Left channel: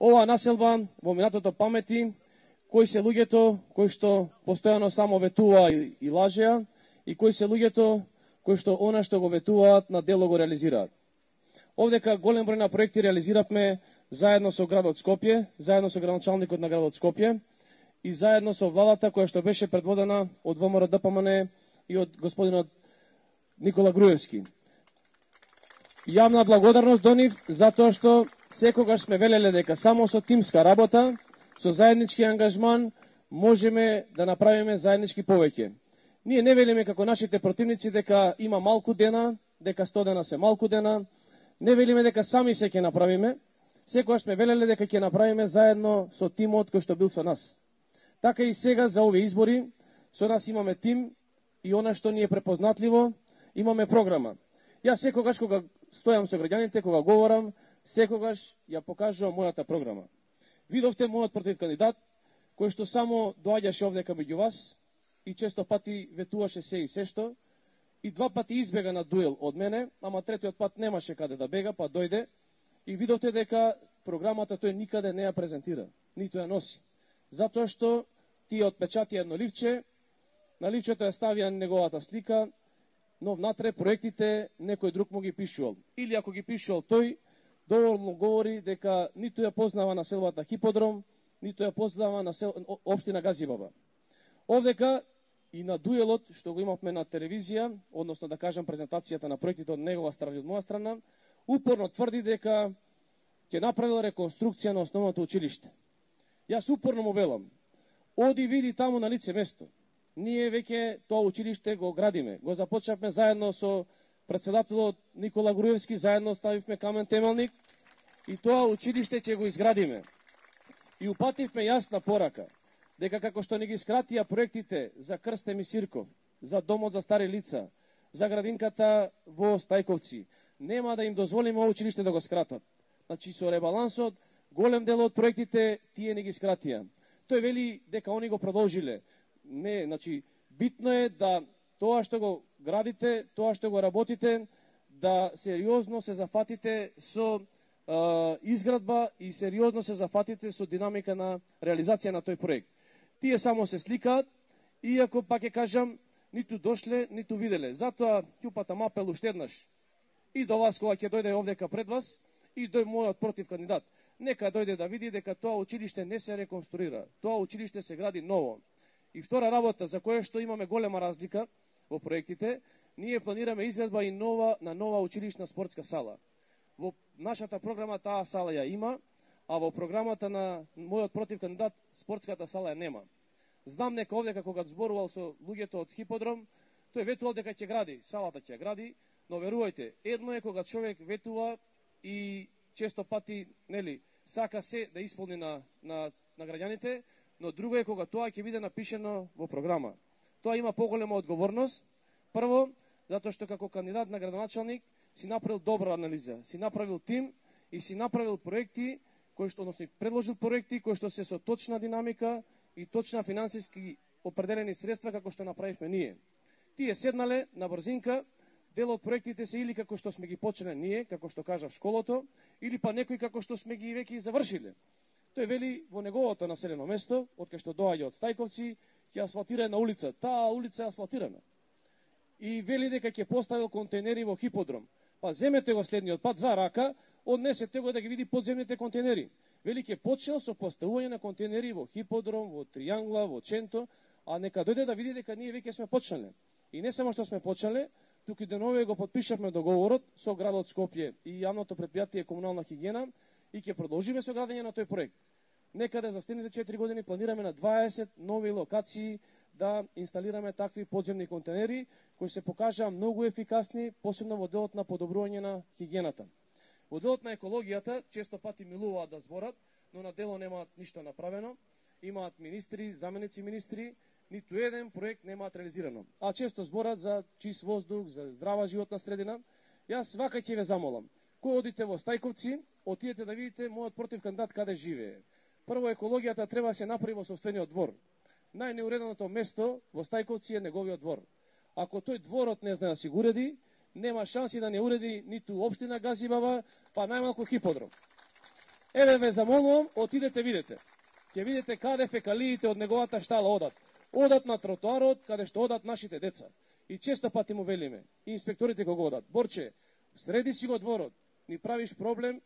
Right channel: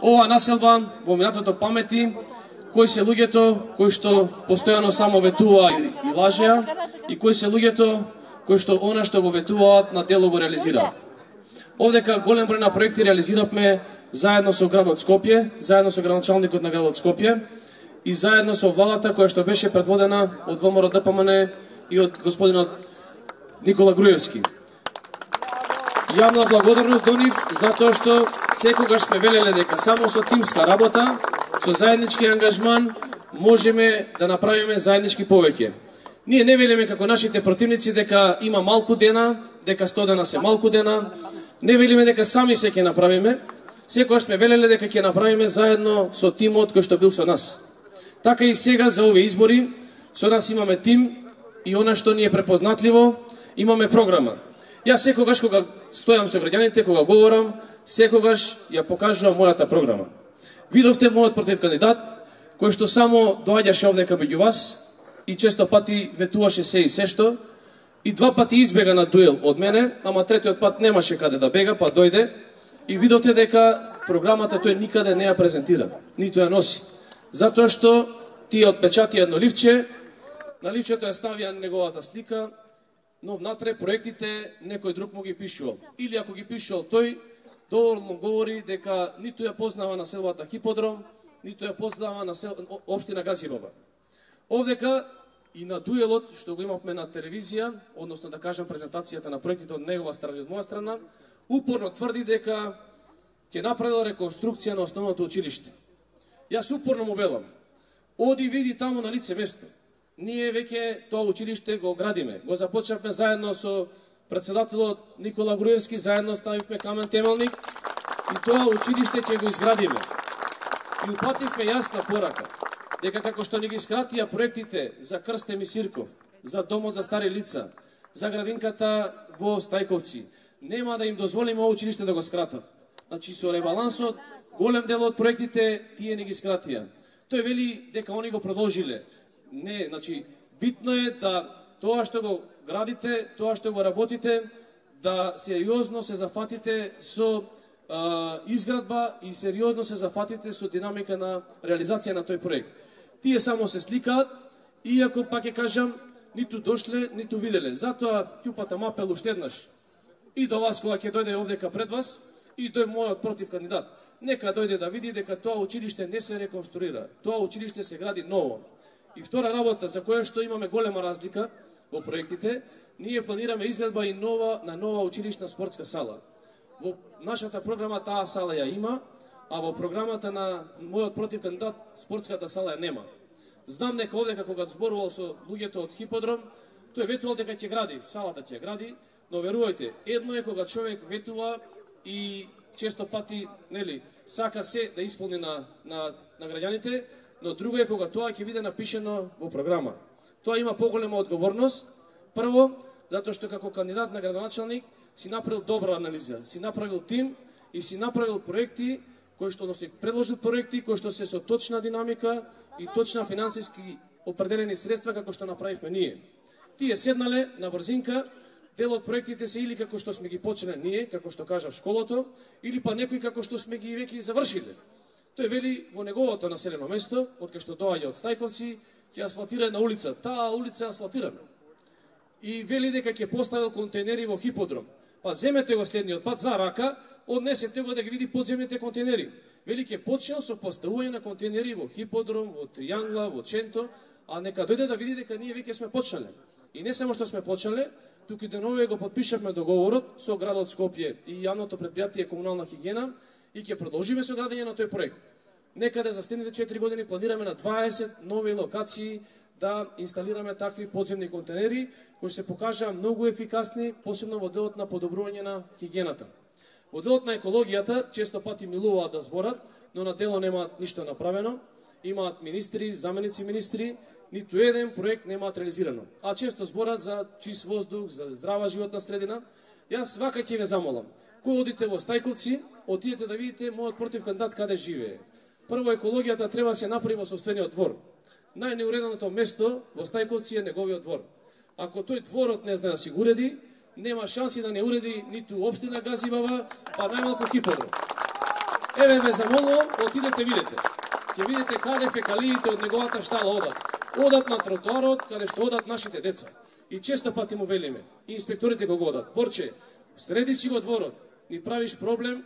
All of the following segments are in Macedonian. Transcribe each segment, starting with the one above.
Ова населба во минатото памети, кои се луѓето кои што постојано само ветува и лажеа, и кои се луѓето кои што она што го ветуваат на дело го реализираат. Овдека голем број на проекти реализиравме заедно со градот Скопје, заедно со градоначалникот на градот Скопје и заедно со владата која што беше предводена од ВМРО ДПМН и од господинот Никола Груевски. Јавна благодарност до нив затоа што секогаш сме велеле дека само со тимска работа, со заеднички ангажман можеме да направиме заеднички повеќе. Ние не велиме како нашите противници дека има малку дена, дека 100 дена се малку дена, не велиме дека сами се ќе направиме, секогаш сме велеле дека ќе направиме заедно со тимот кој што бил со нас. Така и сега за овие избори, со нас имаме тим и она што ни е препознатливо, имаме програма. Јас секогаш кога стојам со граѓаните, кога говорам, секогаш ја покажувам мојата програма. Видовте мојот против кандидат, кој што само доаѓаше овдека меѓу вас и често пати ветуваше се и сешто, и 2 пати избега на дуел од мене, ама третиот пат немаше каде да бега, па дојде и видовте дека програмата тој никаде не ја презентира, ниту ја носи. Затоа што тие отпечати едно ливче, на ливчето ја ставија неговата слика, но внатре проектите некој друг му ги пишувал. Или ако ги пишувал тој, доволно говори дека ниту ја познава населбата Хиподром, ниту ја познава општина Газибаба. Овдека и на дуелот што го имавме на телевизија, односно да кажам презентацијата на проектите од негова страна и од моја страна, упорно тврди дека ќе направил реконструкција на основното училиште. Јас упорно му велам, оди види таму на лице место. Ние веќе тоа училиште го градиме. Го започнавме заедно со председателот Никола Груевски, заедно ставивме камен темелник и тоа училиште ќе го изградиме. И упативме јасна порака, дека како што ни ги скратија проектите за Крстем и Сирков, за домот за стари лица, за градинката во Стајковци, нема да им дозволиме ово училиште да го скратат. Значи со ребалансот, голем дел од проектите тие ни ги скратија. Тој вели дека они го продолжиле. Не, значи, битно е да тоа што го градите, тоа што го работите, да сериозно се зафатите со изградба и сериозно се зафатите со динамика на реализација на тој проект. Тие само се сликаат, иако, пак ќе кажам, ниту дошле, ниту виделе. Затоа ќупата апел уште еднаш и до вас кога ќе дојде овдека пред вас, и тој мојот против кандидат. Нека дојде да види дека тоа училиште не се реконструира, тоа училиште се гради ново. И втора работа, за која што имаме голема разлика во проектите, ние планираме изградба и на нова училишна спортска сала. Во нашата програма таа сала ја има, а во програмата на мојот против кандидат спортската сала ја нема. Знам дека овдека кога зборувал со луѓето од Хиподром, тој ветувал дека ќе гради, салата ќе гради, но верувајте, едно е кога човек ветува и често пати, нели, сака се да исполни на граѓаните, но друго е кога тоа ќе биде напишено во програма. Тоа има поголема одговорност. Прво, затоа што како кандидат на градоначалник си направил добра анализа, си направил тим и си направил проекти кои што носи предложил проекти кои што се со точна динамика и точна финансиски определени средства како што направивме ние. Тие седнале на брзинка, дел од проектите се или како што сме ги почнале ние, како што кажав школото, или па некои како што сме ги веќе завршиле. Тој вели во неговото населено место, од кај што доаѓа од Стајковци, ќе асфалтира една улица. Таа улица е асфалтирана. И вели дека ќе поставил контейнери во Хиподром. Па земете го следниот пат за рака, однесете го да ги види подземните контейнери. Вели ќе почнел со поставување на контейнери во Хиподром, во Тријангла, во Ченто, а нека дојде да види дека ние веќе сме почнале. И не само што сме почнале, туку денове го подпишавме договорот со градот Скопје и јавното предпријатие Комунална хигиена и ќе продолжиме со градење на тој проект. Некаде за следните 4 години планираме на 20 нови локации да инсталираме такви подземни контейнери кои се покажаа многу ефикасни, посебно во делот на подобрување на хигиената. Во делот на екологијата често пати милуваат да зборат, но на дело немаат ништо направено. Имаат министри, заменици министри, ниту еден проект немаат реализирано. А често зборат за чист воздух, за здрава животна средина. Јас вака ќе ве замолам. Кога одите во Стајковци, отидете да видите мојот против кандидат каде живее. Прво, екологијата треба да се направи во сопствениот двор. Најнеуреденото место во Стајковци е неговиот двор. Ако тој дворот не знае да си го уреди, нема шанси да не уреди ниту општина Газибаба, па најмалку Хиподром. Еве ве замолувам, отидете видете. Ќе видите каде фекалиите од неговата штала одат. Одат на тротоарот, каде што одат нашите деца. И често пати му велиме, и инспекторите го одат. Борче, среди си го дворот, ни правиш проблем,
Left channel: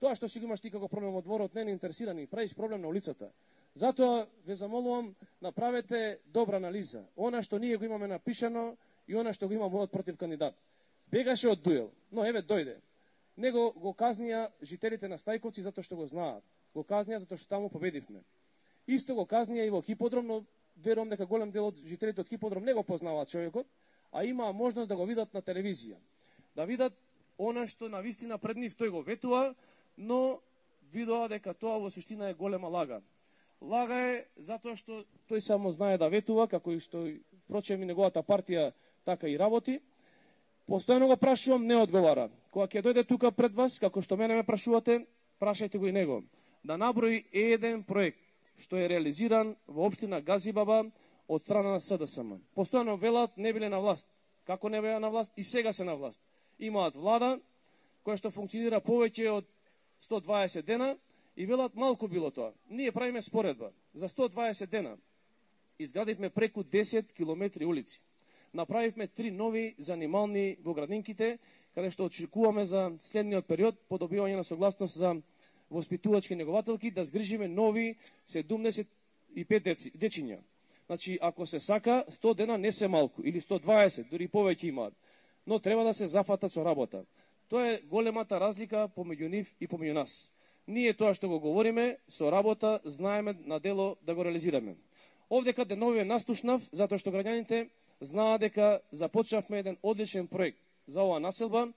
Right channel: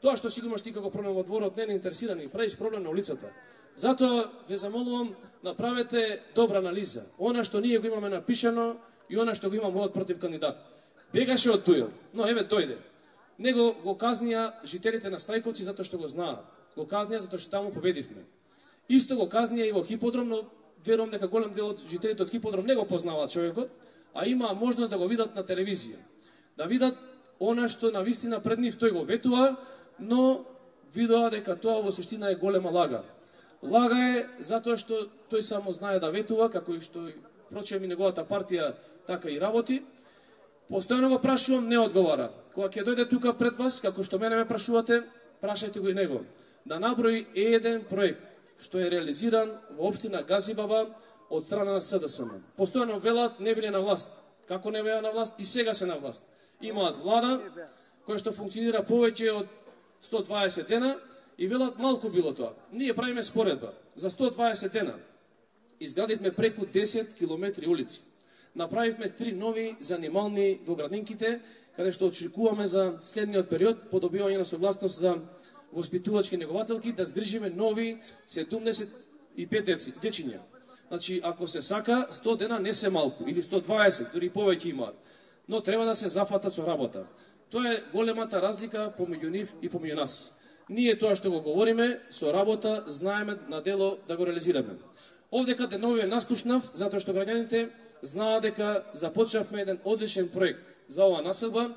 тоа што си го имаш ти како проблем во дворот не ни интересира, ни правиш проблем на улицата. Затоа ве замолувам, направете добра анализа. Она што ние го имаме напишано и она што го има мојот против кандидат. Бегаше од дуел, но еве дојде. Него го казнија жителите на Стајковци затоа што го знаат. Го казнија затоа што таму победивме. Исто го казнија и во Хиподром, но верувам дека голем дел од жителите од Хиподром не го познаваат човекот, а имаа можност да го видат на телевизија. Да видат она што навистина пред нив тој го ветува, но видоа дека тоа во суштина е голема лага. Лага е затоа што тој само знае да ветува, како и што впрочем и неговата партија така и работи. Постојано го прашувам, не одговара. Кога ќе дојде тука пред вас, како што мене ме прашувате, прашајте го и него. Да наброи еден проект што е реализиран во општина Газибаба од страна на СДСМ. Постојано велат не биле на власт. Како не беа на власт и сега се на власт. Имаат влада која што функционира повеќе од 120 дена и велат малку било тоа. Ние правиме споредба. За 120 дена изградивме преку 10 километри улици. Направивме 3 нови занимални во градинките, каде што очекуваме за следниот период по добивање на согласност за воспитувачки негователки да згрижиме нови 75 дечиња. Значи, ако се сака, 100 дена не се малку, или 120, дури повеќе имаат. Но треба да се зафатат со работа. Тоа е големата разлика помеѓу нив и помеѓу нас. Ние тоа што го говориме, со работа, знаеме на дело да го реализираме. Овдека деновиве наслушнав, затоа што граѓаните знаат дека започнавме еден одличен проект за оваа населба.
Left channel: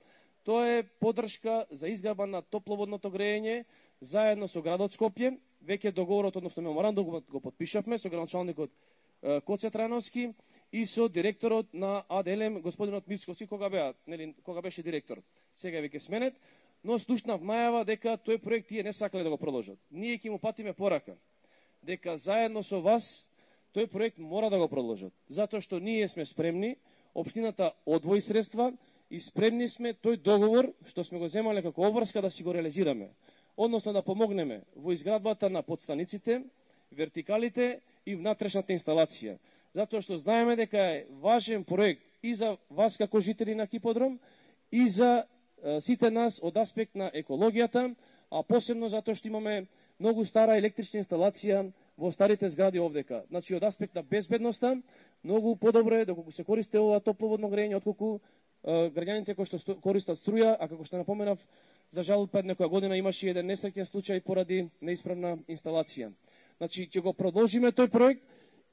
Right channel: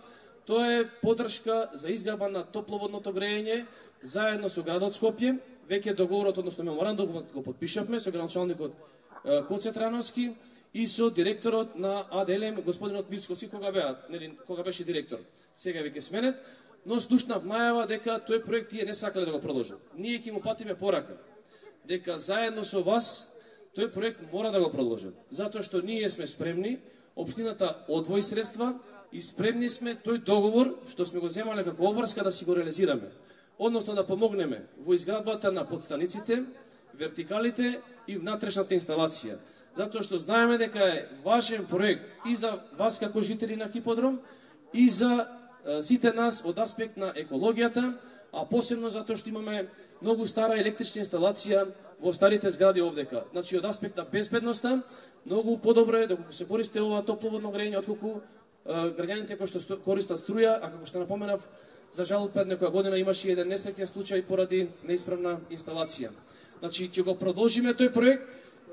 Тоа е поддршка за изградба на топловодното грејење заедно со градот Скопје. Веќе договорот, односно меморандумот го подпишавме со градоначалникот Коце Трајновски и со директорот на АДЛМ господинот Мицковски кога беше директор. Сега веќе сменет, но слушнав најава дека тој проект тие не сакале да го продолжат. Ние ќе му патиме порака дека заедно со вас тој проект мора да го продолжат. Затоа што ние сме спремни, општината одвои средства и спремни сме тој договор што сме го земале како обврска да си го реализираме. Односно да помогнеме во изградбата на подстаниците, вертикалите и внатрешната инсталација. Затоа што знаеме дека е важен проект и за вас како жители на Хиподром и за сите нас од аспект на екологијата, а посебно затоа што имаме многу стара електрична инсталација во старите згради овдека. Значи, од аспект на безбедноста, многу подобро е доколку се користи ова топловодно грејење, отколку граѓаните кои што користат струја, а како што напоменав, за жал пред некоја година имаше еден несреќен случај поради неисправна инсталација. Значи, ќе го продолжиме тој проект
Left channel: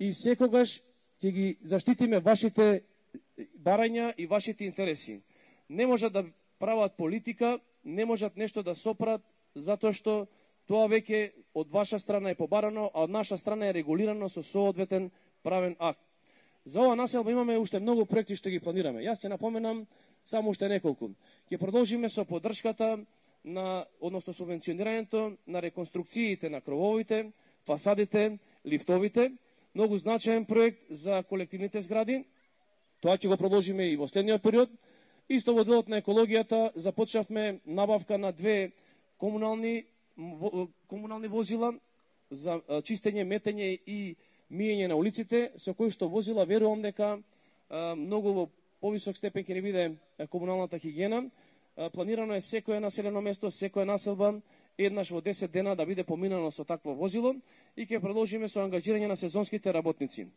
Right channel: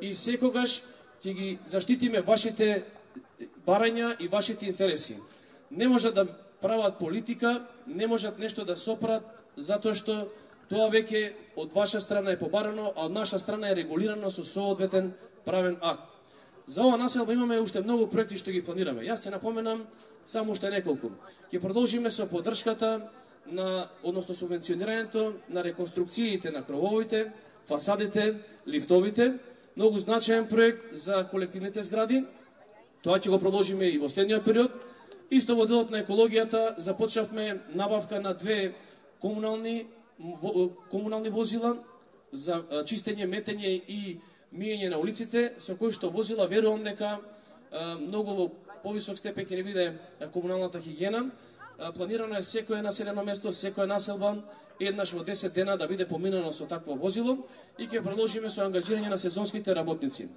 и секогаш ќе ги заштитиме вашите барања и вашите интереси. Не можат да прават политика, не можат нешто да сопрат, затоа што тоа веќе од ваша страна е побарано, а од наша страна е регулирано со соодветен правен акт. За ова населба имаме уште многу проекти што ги планираме. Јас ќе напоменам само уште неколку. Ќе продолжиме со поддршката на, односно субвенционирањето на реконструкциите на крововите, фасадите, лифтовите. Многу значаен проект за колективните згради. Тоа ќе го продолжиме и во следниот период. Исто во делот на екологијата започнавме набавка на 2 комунални возила за чистење, метење и миење на улиците, со кои што возила верувам дека многу во повисок степен ќе не биде комуналната хигиена. Планирано е секое населено место, секоја населба еднаш во 10 дена да биде поминано со такво возило и ќе продолжиме со ангажирање на сезонските работници,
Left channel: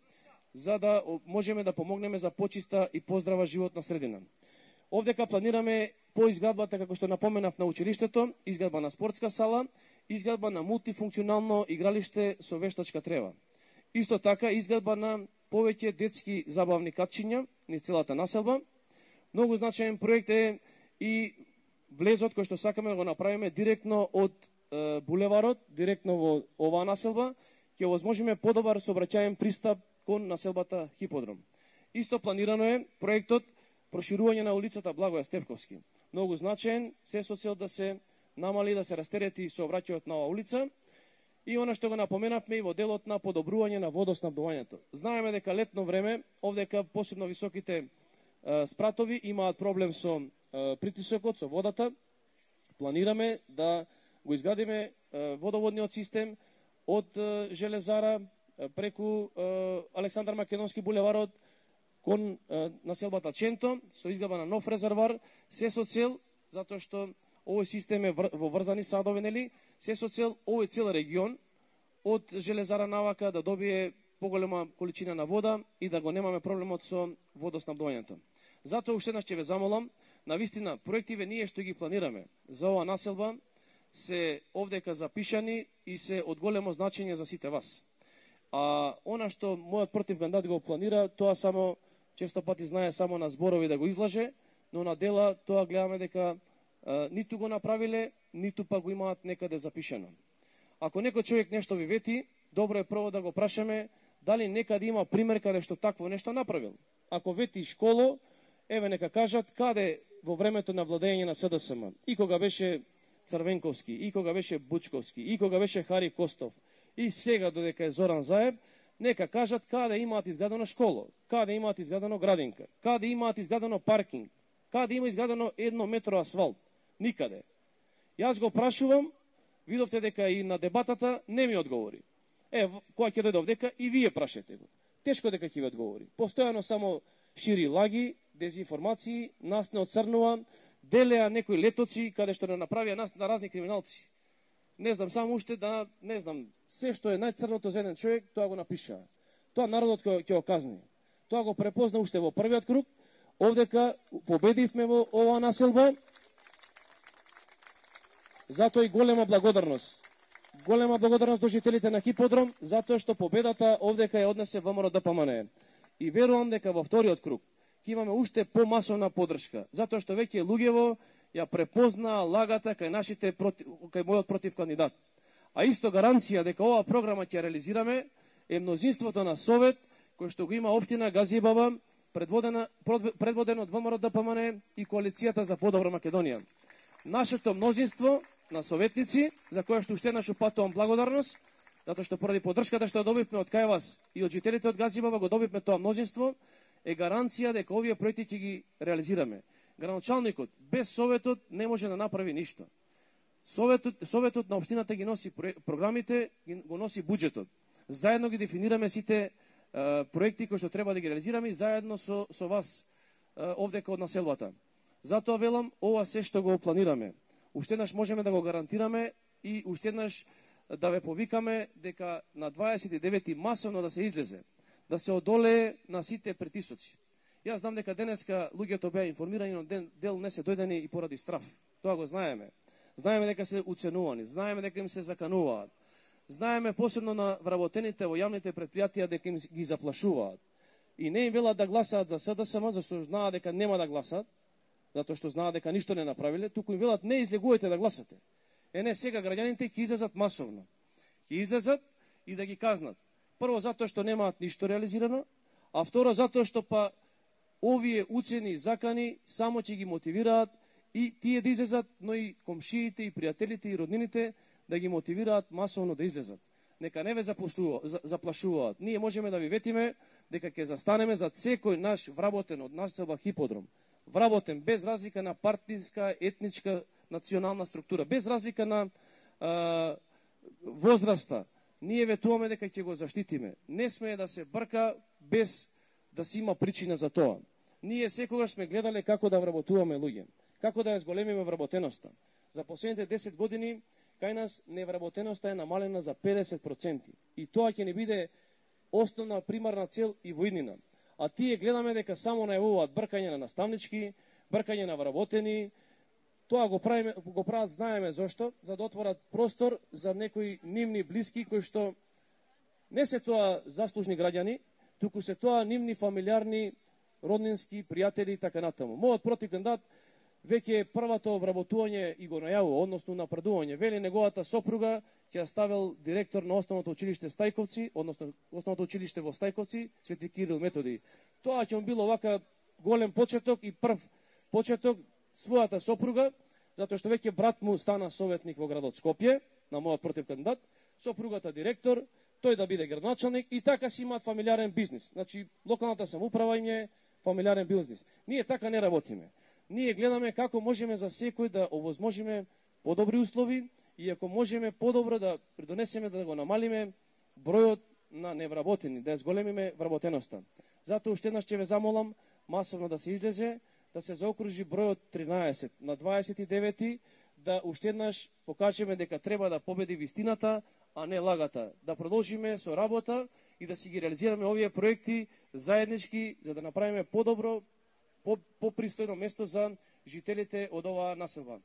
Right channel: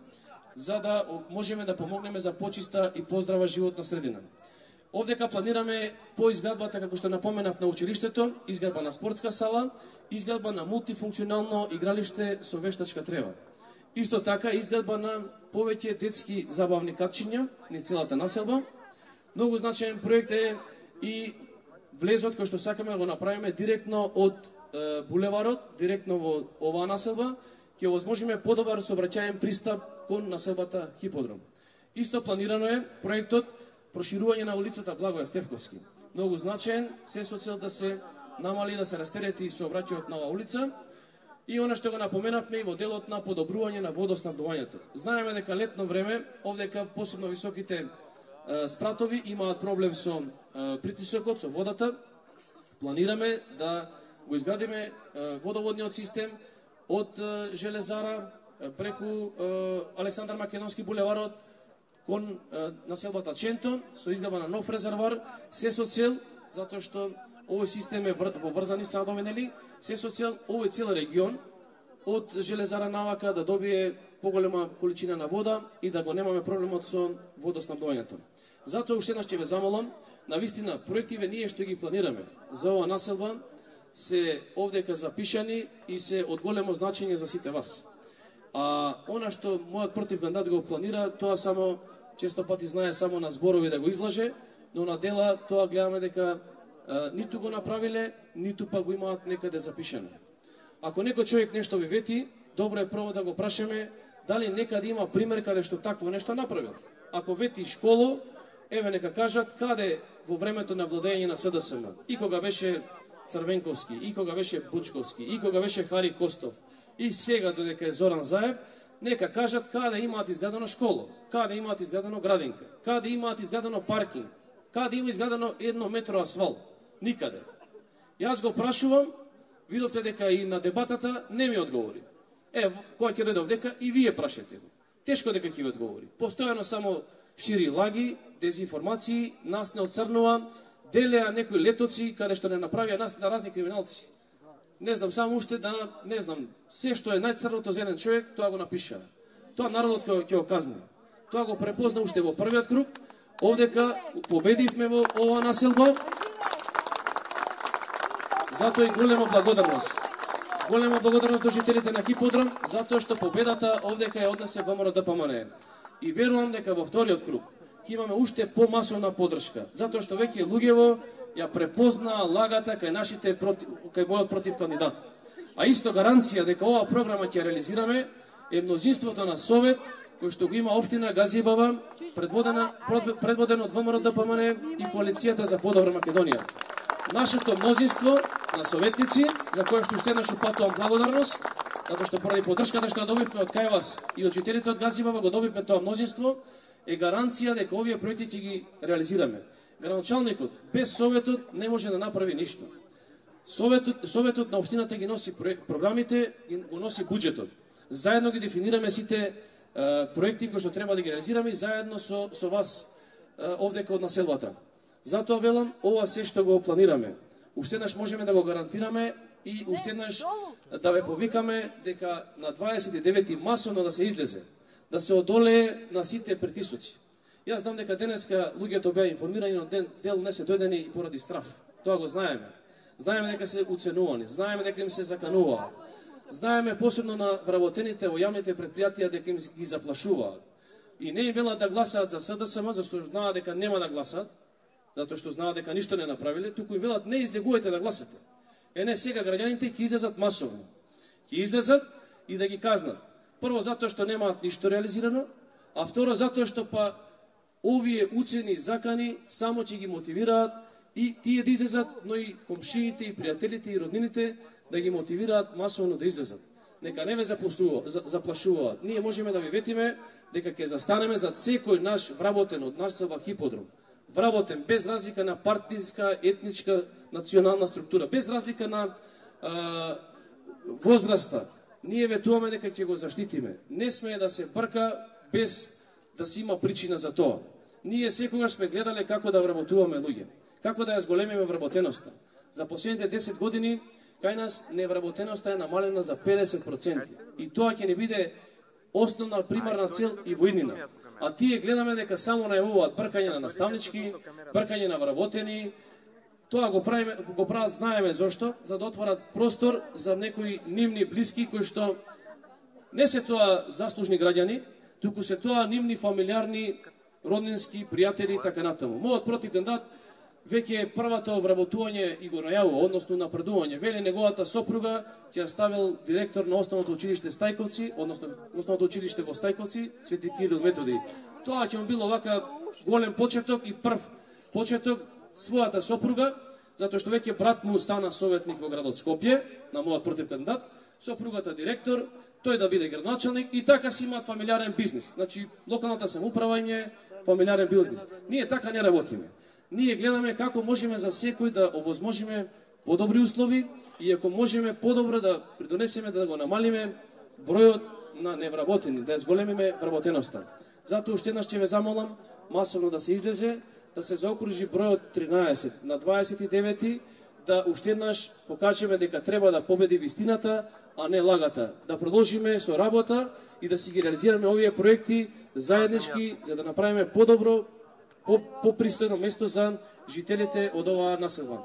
за да можеме да помогнеме за почиста и поздрава животна средина. Овдека планираме по изградбата, како што напоменав, на училиштето, изградба на спортска сала, изградба на мултифункционално игралиште со вештачка трева. Исто така изградба на повеќе детски забавни катчиња низ целата населба. Многу значаен проект е и влезот кој што сакаме да го направиме директно од булеварот, директно во оваа населба, ќе возможиме подобар сообраќаен пристап кон населбата Хиподром. Исто планирано е проектот проширување на улицата Благоја Стефковски. Многу значаен, се со цел да се намали, да се растерети сообраќајот на оваа улица. И она што го напоменавме и во делот на подобрување на водоснабдувањето. Знаеме дека летно време, овдека посебно високите спратови имаат проблем со притисокот, со водата. Планираме да го изградиме водоводниот систем од Железара преку Александар Македонски булеварот кон населбата Ченто, со изградба на нов резервоар, се со цел, затоа што овој систем е во врзани садови, нели, се со цел овој цел регион од Железара навака да добие поголема количина на вода и да го немаме проблемот со водоснабдувањето. Затоа уште еднаш ќе ве замолам, навистина проективе ние што ги планираме за оваа населба се овдека запишани и се од големо значење за сите вас. А она што мојот противкандидат го планира, тоа само често пати знае само на зборови да го излаже, но на дела тоа гледаме дека ниту го направиле, ниту па го имаат некаде запишано. Ако некој човек нешто ви вети, добро е прво да го прашаме дали некаде има пример каде што такво нешто направил. Ако вети школо, еве нека кажат каде во времето на владење на СДСМ, и кога беше Црвенковски, и кога беше Бучковски, и кога беше Хари Костов, и сега додека е Зоран Заев, нека кажат каде имаат изградено школо, каде имаат изградено градинка, каде имаат изградено паркинг, каде има изградено 1 метро асфалт. Никаде. Јас го прашувам, видовте дека и на дебатата не ми одговори. Кој ќе дојде овдека и вие прашете го. Тешко дека ќе ви одговори. Постојано само шири лаги, дезинформации, нас не оцрнува, делеа некои летоци каде што не направија нас на разни криминалци. Не знам, само уште да, не знам, се што е најцрното за еден човек, тоа го напиша. Тоа народот ќе го казни. Тоа го препозна уште во првиот круг, овдека победивме во ова населба. Затоа и голема благодарност. Голема благодарност до жителите на Хиподром, затоа што победата овдека ја однесе ВМРО ДПМН. И верувам дека во вториот круг ќе имаме уште помасовна поддршка, затоа што веќе луѓево ја препозна лагата кај нашите кај мојот против кандидат. А исто гаранција дека оваа програма ќе реализираме е мнозинството на Совет кој што го има општина Газибава, предводен од ВМРО ДПМН и коалицијата за подобра Македонија. Нашето мнозинство на советници, за кое што уште еднаш упатувам благодарност, затоа што поради поддршката што добивме од кај вас и од жителите од Газибава го добивме тоа мнозинство, е гаранција дека овие проекти ќе ги реализираме. Градоначалникот без Советот не може да направи ништо. Советот на општината ги носи програмите, го носи буџетот. Заедно ги дефинираме сите проекти кои што треба да ги реализираме заедно со вас овдека од населбата. Затоа велам, ова се што го планираме. Уште еднаш можеме да го гарантираме и уште еднаш да ве повикаме дека на 29 масовно да се излезе, да се одолее на сите притисоци. Јас знам дека денеска луѓето беа информирани, но дел не се дојдени и поради страф. Тоа го знаеме. Знаеме дека се уценувани, знаеме дека им се закануваат. Знаеме посебно на вработените во јавните предпријатија дека им ги заплашуваат. И не им велат да гласаат за СДСМ, зашто знаат дека нема да гласаат, затоа што знаат дека ништо не направиле, туку им велат не излегувате да гласате. Не, сега граѓаните ќе излезат масовно. Ќе излезат и да ги казнат. Прво затоа што немаат ништо реализирано, а второ затоа што па овие уцени закани само ќе ги мотивираат и тие да излезат, но и комшиите, и пријателите, и роднините да ги мотивираат масовно да излезат. Нека не ве заплашуваат. Ние можеме да ви ветиме дека ќе застанеме за секој наш вработен од населба Хиподром. Вработен без разлика на партиска, етничка, национална структура, без разлика на возраста. Ние ветуваме дека ќе го заштитиме. Не смее да се брка без да се има причина за тоа. Ние секогаш сме гледале како да вработуваме луѓе, како да ја зголемиме вработеноста. За последните 10 години кај нас невработеноста е намалена за 50%. И тоа ќе ни биде основна примарна цел и во иднина. А тие гледаме дека само најавуваат бркање на наставнички, бркање на вработени. Тоа го прават, знаеме зошто, за да отворат простор за некои нивни блиски кои што не се тоа заслужни граѓани, туку се тоа нивни фамилиарни, роднински, пријатели и така натаму. Мојот противкандидат веќе првото вработување и го најавува, односно напредување. Вели неговата сопруга ќе ја ставил директор на основното училиште Стајковци, односно основното училиште во Стајковци, Свети Кирил Методи. Тоа ќе му било вака голем почеток и прв почеток својата сопруга, затоа што веќе брат му стана советник во градот Скопје, на мојот противкандидат, сопругата директор, тој да биде градоначалник и така си имаат фамилиарен бизнис. Значи, локалната самоуправа е фамилиарен бизнис. Ние така не работиме. Ние гледаме како можеме за секој да овозможиме подобри услови и ако можеме подобро да придонесеме да го намалиме бројот на невработени, да зголемиме вработеноста. Затоа уште еднаш ќе ве замолам масовно да се излезе, да се заокружи бројот 13 на 29, да уште еднаш покажеме дека треба да победи вистината, а не лагата. Да продолжиме со работа и да си ги реализираме овие проекти заеднички, за да направиме подобро, попристојно место за жителите од оваа населба.